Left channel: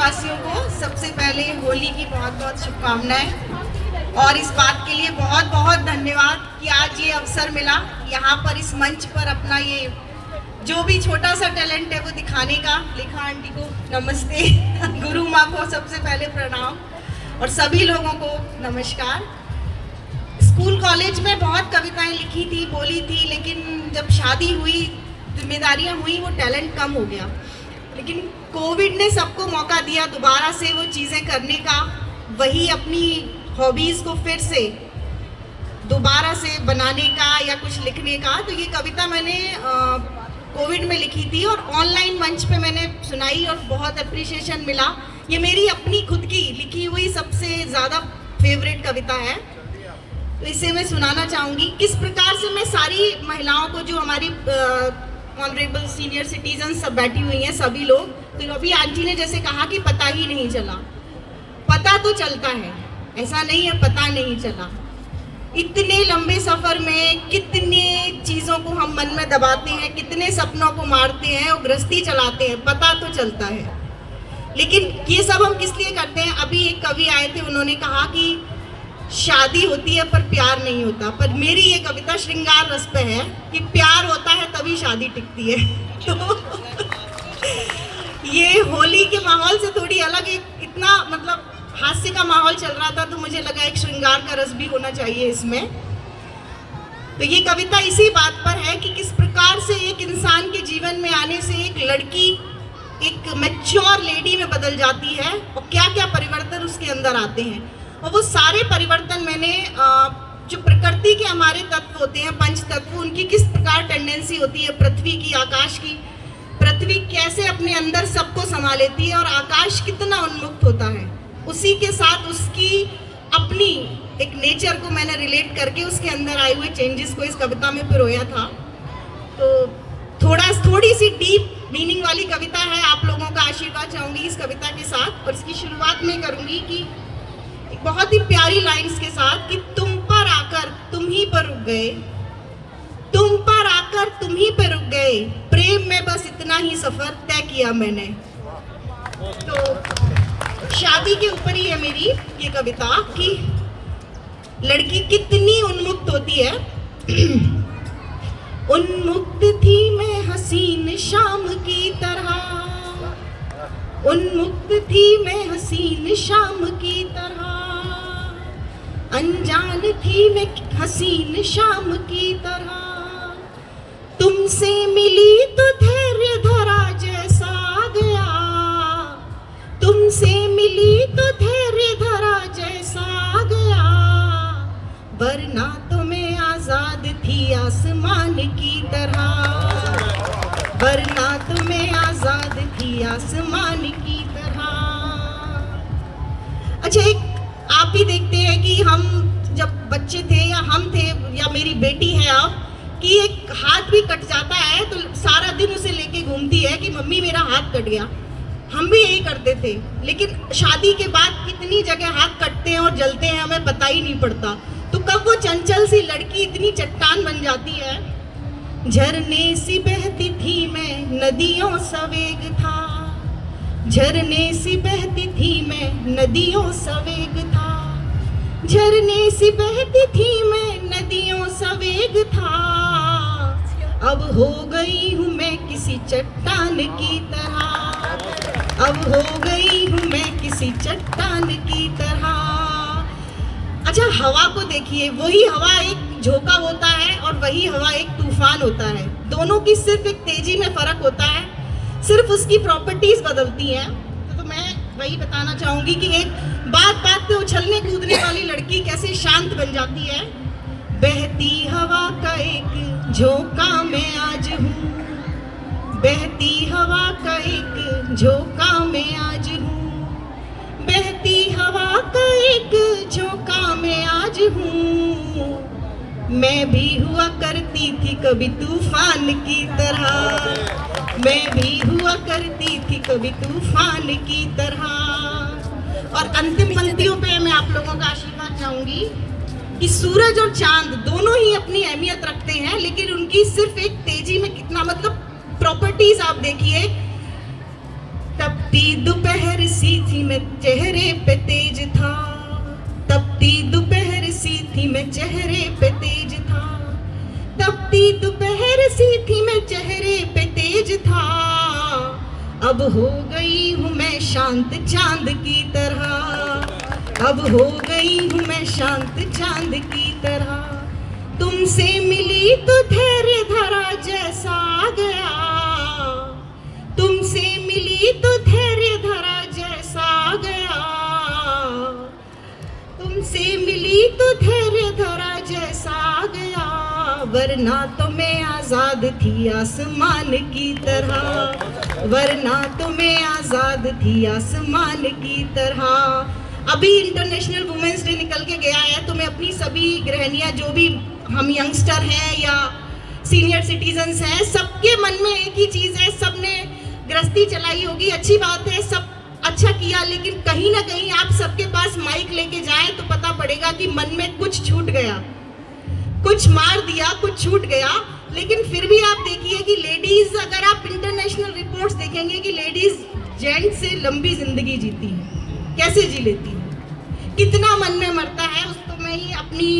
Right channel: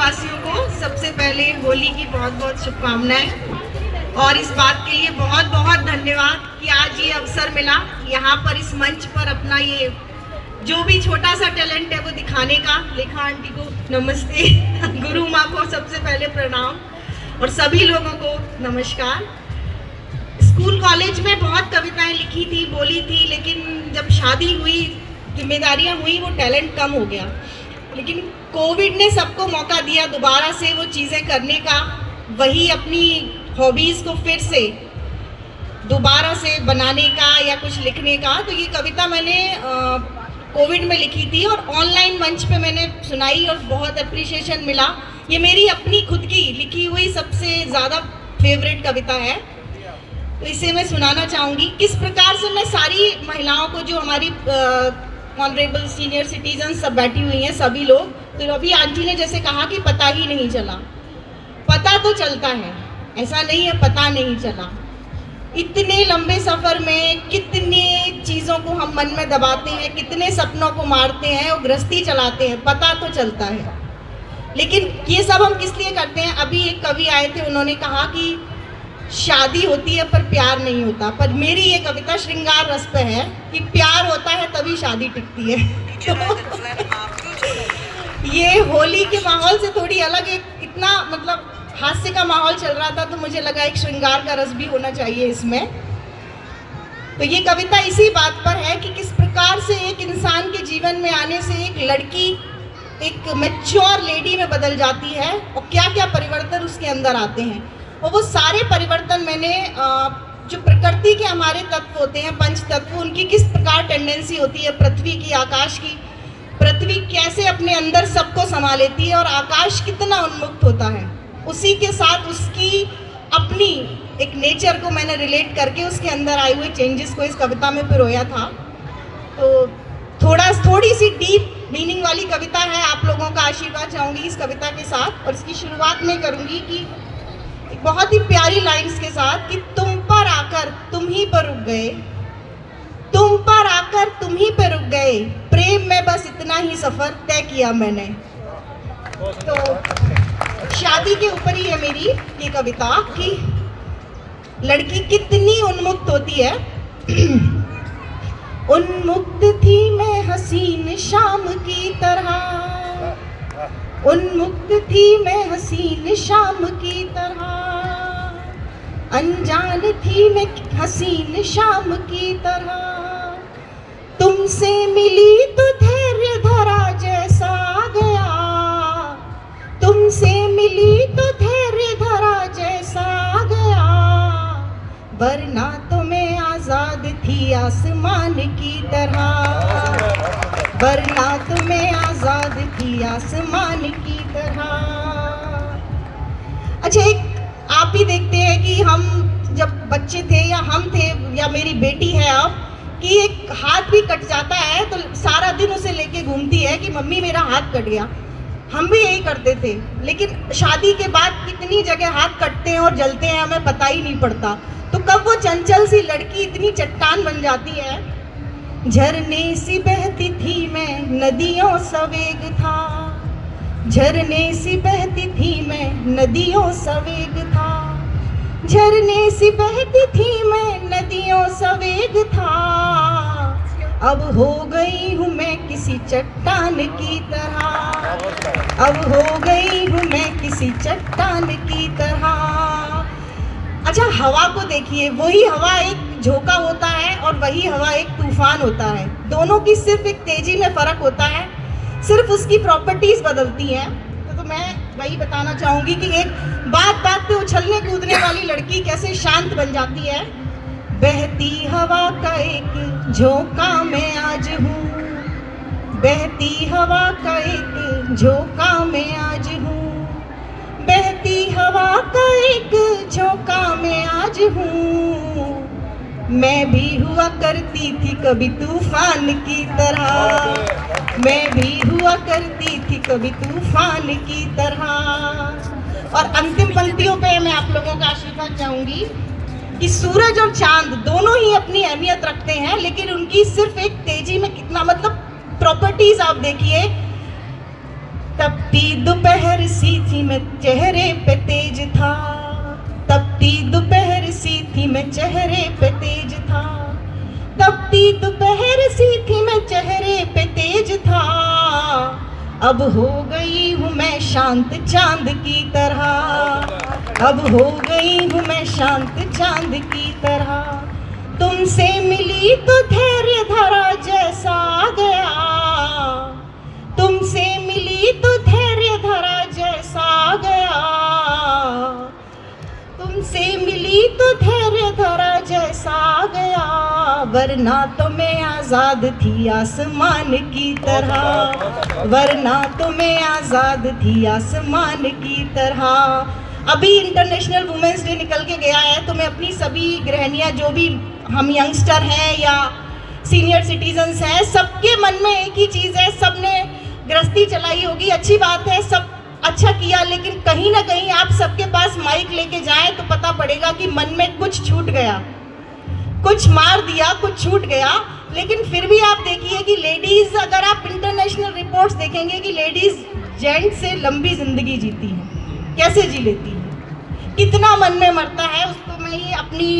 वासियों को सबसे पहले होली की बहुत बहुत शुभकामनाएं और इस बात के लिए बहुत बहुत धन्यवाद कि आज ये अवसर मिला यहाँ पर इस मंच पर अपना ये जो भी छोटा सा टैलेंट है वो दिखाने का। लेखा आंटी को नमस्ते, गुरु माँ को सबसे पहले प्रणाम और सभी लोगों को नमस्कार। स्कूल कॉलेज में बहुत कविताएं लिखी थी, बोली थी, लेकिन जब शादी हुई, जिम्मेदारियां हुई, वो टैलेंट कम हो गया। लेकिन कोविड ने सबको मौका दिया दोबारा से वो चीज़ें करने का, वही अपनी हॉबीज़ को फिर से दोबारा से बनाने का या कुछ लिखने का। तो ये कविता मैंने कोविड में लिखी थी और ऑनलाइन मंच पे मैंने सुनाई और बहुत अप्रिशिएशन मिला। ये मेरी अपनी खुद की लिखी हुई सबसे ज़्यादा फेवरेट कविता है, तो इसे मैं सुनाना चाहूँगी। किस प्रकार से मैं सारी महिलाओं को, जो हमारी ऑनरेबल सीनियर सिटीजन सब बैठी हुई हैं, सभी लोग, तो अभी आंटी ने जैसे कहा कि पता ही नहीं चला, पता तो चलता है, ऐसा नहीं है पता नहीं चला। इतने लंबे सफ़र में कितनी चीज़ों को हम मन में दबाते हैं, कितने सपनों को मारते हैं और गृहस्थी चलाते हैं, पता तो चलता है। लेकिन ये सब हम किस लिए करते हैं? अभी एक कवि आए थे, उन्होंने कहा कि शादी होती है पर प्यार नहीं होता, पर मेरी ये कविता श्रृंगार रस पे है कि प्यार होता है तभी शादी टिकती है। तो ये होली के माहौल से थोड़ी अलग, एक इतना मतलब हास्य का माहौल चल रहा था, तो मुझे लगा एक श्रृंगार का रस भी होना चाहिए इसमें। तो ये कविता इसी बात पर है कि किस प्रकार से एक इंसान के जीवन में आने से एक लड़की एक मैच्योर लेडी में बदल जाती है और क्या क्या परिवर्तन उसके अंदर आते हैं। और वो सारे परिवर्तन मैंने जो प्रकृति के हमारे तत्व होते हैं, पंच तत्व, उनकी किस प्रकार टेंडेंसी होती है, पृथ्वी की, आकाश की, पृथ्वी कैसे अपने अंदर सबको समा लेती है और आकाश कितना उन्मुक्त होता है, उसी के साथ उसकी अपनी एक नेचर को मैंने रिलेट करके उसके अंदर आए हुए चेंजेस को इस कविता में पिरोया था। तो थोड़ी सी डीप मीनिंग वाली कविता है। आप लोगों का आशीर्वाद चाहूँगी इस कविता के साथ, और इसकी शुरुआत में करूँगी कि बहुत ही प्यारी लाइंस के साथ कि तुम पर आकर तुम ही पर रुक गए, तुम पर आकर तुम ही पर रुक गए, प्रेम में बस इतना ही सफर तय किया मैंने। तो शादी के ऊपर ही है मेरी ये कविता कि लड़की कितनी उन्मुक्त होती है। उन्मुक्त थी मैं हसीन शाम की तरह, उन्मुक्त थी मैं हसीन शाम की तरह, अनजान थी मैं हसीन शाम की तरह, तुमसे मिली तो धैर्य धरा जैसा गया, तुमसे मिली तो धैर्य धरा जैसा गया, वरना तो मैं आजाद थी आसमान की तरह, वरना तो मैं आजाद थी आसमान की तरह। अच्छा, एक आप ही देखते हैं कि हम जब बच्चे थे या हम थे या मेरी बेटी है अब, कि एक हाथ भी कट जाता है तो सारा दिन उसे लेके घूमती है कि मम्मी मेरा हाथ कट गया। हम भी यही करते थे, लेकिन शादी के बाद कितनी जगह हाथ कटते हैं और जलते हैं, हमें पता ही नहीं पड़ता। तो कब वो चंचल सी लड़की इतनी चट्टान बन जाती है। झरने सी बहती थी मैं नदियों सवेग था, झरने सी बहती थी मैं नदियों सवेग था, झरने सी बहती थी मैं नदियों सवेग था, अब हो गई हूँ मैं किसी चट्टान की तरह, अब हो गई हूँ मैं किसी चट्टान की तरह। अच्छा, हवा को देखिए, वही हवा एक झोंका होता है और वही हवा एक तूफान होता है, दोनों की सिर्फ एक तेजी में फ़र्क होता है, सिर्फ उसकी प्रॉपर्टीज़ बदलती हैं। तो मैं वही बताना चाहूँगी कि एक बात पे उछलने कूदने वाली लड़की कैसे शांत बन जाती है। बहती हवा का एक झोंका मैं आज हूँ, बहती हवा का एक झोंका मैं आज हूँ, बहती हवा का एक झोंका मैं आज हूँ, मैं भी हुआ करती थी कभी तूफान की तरह, मैं भी हुआ करती थी कभी तूफान की तरह। और अंतिम पंक्तियों पे मैं आप लोगों का आशीर्वाद चाहूँगी कि सूरज और चांद दोनों ही अपनी अहमियत रखते हैं, लेकिन उनकी सिर्फ एक तेजी में कितना, मतलब प्रॉपर्टीज आप देखिए, तपती दोपहर सी मैं चेहरे पे तेज था, तपती दोपहर सी थी मैं चेहरे पे तेज था, तपती दोपहर सी थी मैं चेहरे पे तेज था, अब हो गई हूँ मैं शांत चांद की तरह, अब हो गई हूँ मैं शांत चांद की तरह, तुमसे मिली तो धैर्य धरा जैसा आ गया, तुमसे मिली तो धैर्य धरा जैसा आ गया, तुमसे मिली तो धैर्य धरा जैसा आ गया, वरना तो मैं आजाद थी आसमान की तरह, वरना तो मैं आजाद थी आसमान की तरह। अभी इंटरनेशनल वुमेन्स डे निकल के गया है, तो मैं अपनी सभी गृहिणियां, जो भी हम यंगस्टर हैं या सीनियर सिटीजन्स हैं, सबके मन में एक ही चीज़ है, सबने गृहस्थी चलाई होगी, अच्छी बात है, सब अच्छा किया, लेकिन कहीं ना कहीं आप सबके पास माइक लेके जाएं तो पता पड़ेगा कि मन में कुछ छूट गया, कुछ मार दिया, कुछ छूट गया। लेकिन फिर भी आप देखिए कि लेडीज, अगर आप इंटरनेशनल रिपोर्ट्स देखेंगे कि लेडीज जेंट्स से लंबी जिंदगी जीती हैं, कैसे जी लेती हैं, कितना मन में मरता है उसको। मैं ये अपनी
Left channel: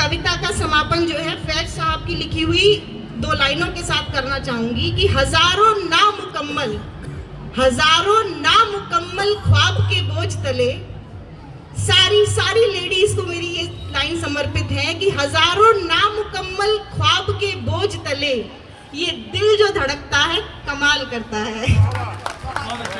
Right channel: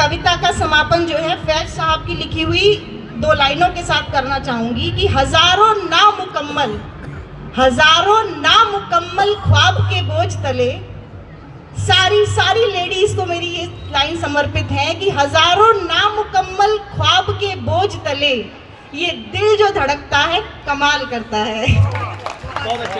कविता का समापन जो है फैज साहब की लिखी हुई 2 लाइनों के साथ करना चाहूंगी कि हजारों नामुकम्मल ख्वाब के बोझ तले, सारी लेडीज को मेरी ये लाइन समर्पित है कि हजारों नामुकम्मल ख्वाब के बोझ तले ये दिल जो धड़कता है कमाल करता है।